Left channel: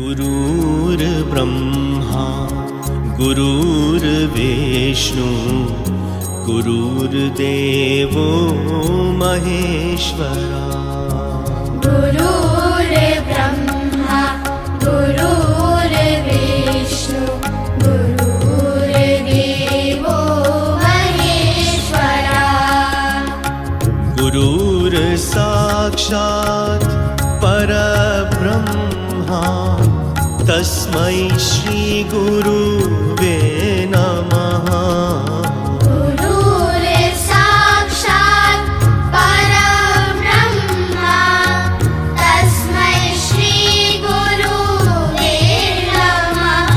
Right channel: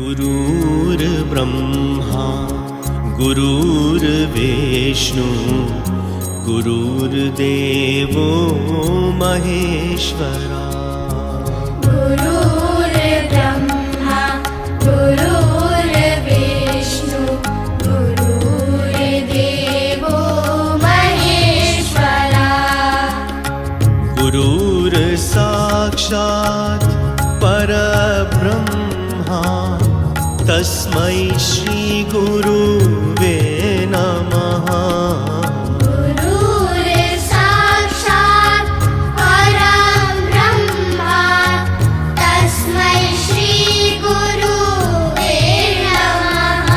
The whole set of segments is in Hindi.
गुरुर्ब्रह्मा गुरुर्विष्णु गुरुर्देवो महेश्वरा। गुरुर्ब्रह्मा गुरुर्विष्णु गुरुर्देवो महेश्वरा। गुरुर्साक्षात् परब्रह्मा तस्मै श्री गुरुवे नमः। गुरुर्साक्षात् परब्रह्मा तस्मै श्री गुरुवे नमः।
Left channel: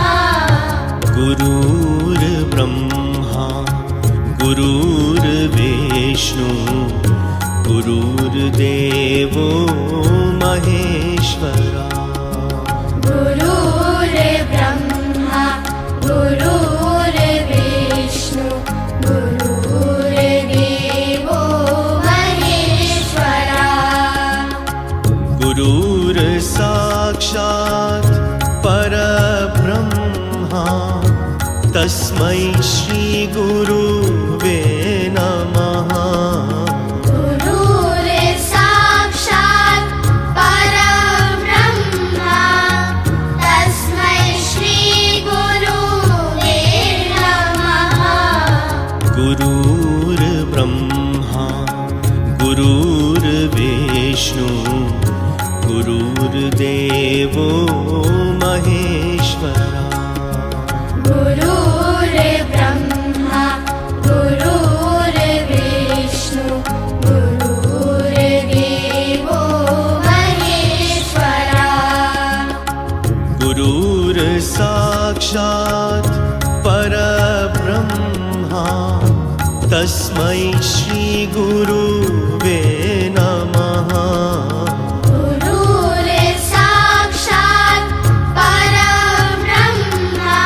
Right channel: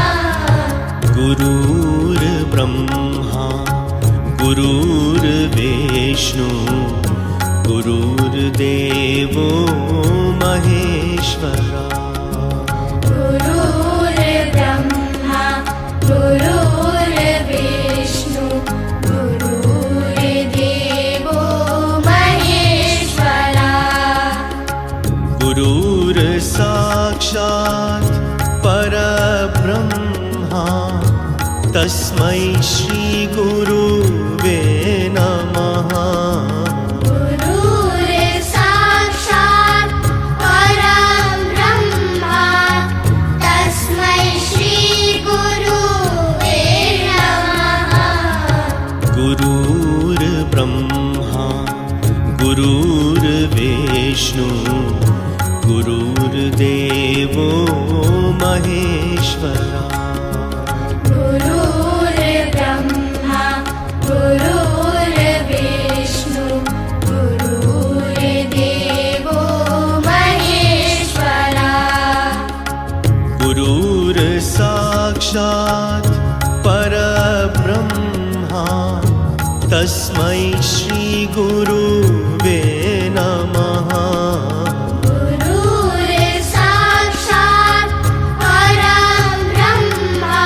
गुरुर्ब्रह्मा गुरुर्विष्णु गुरुर्देवो महेश्वरा। गुरुर्ब्रह्मा गुरुर्विष्णु गुरुर्देवो महेश्वरा। गुरुर्साक्षात् परब्रह्मा तस्मै श्री गुरुवे नमः। गुरुर्ब्रह्मा गुरुर्विष्णु गुरुर्देवो महेश्वरा। गुरुर्ब्रह्मा गुरुर्विष्णु गुरुर्देवो महेश्वरा। गुरुर्साक्षात् परब्रह्मा तस्मै श्री गुरुवे नमः। गुरुर्साक्षात् परब्रह्मा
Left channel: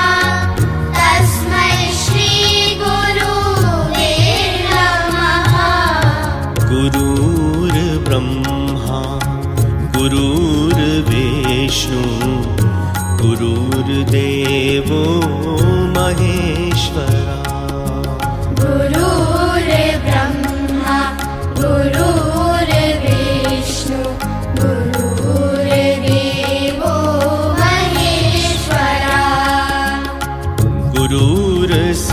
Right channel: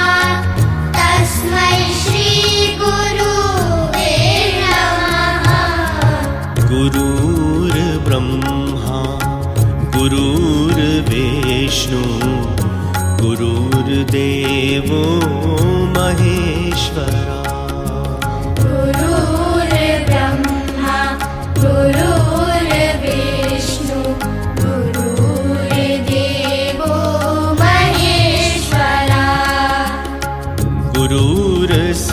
तस्मै श्री गुरुवे नमः। गुरुर्ब्रह्मा गुरुर्विष्णु गुरुर्देवो महेश्वरा। गुरुर्ब्रह्मा गुरुर्विष्णु गुरुर्देवो महेश्वरा। गुरुर्साक्षात्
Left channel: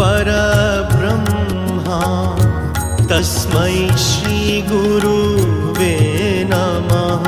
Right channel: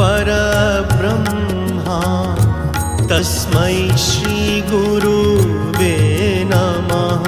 परब्रह्मा तस्मै श्री गुरुवे नमः।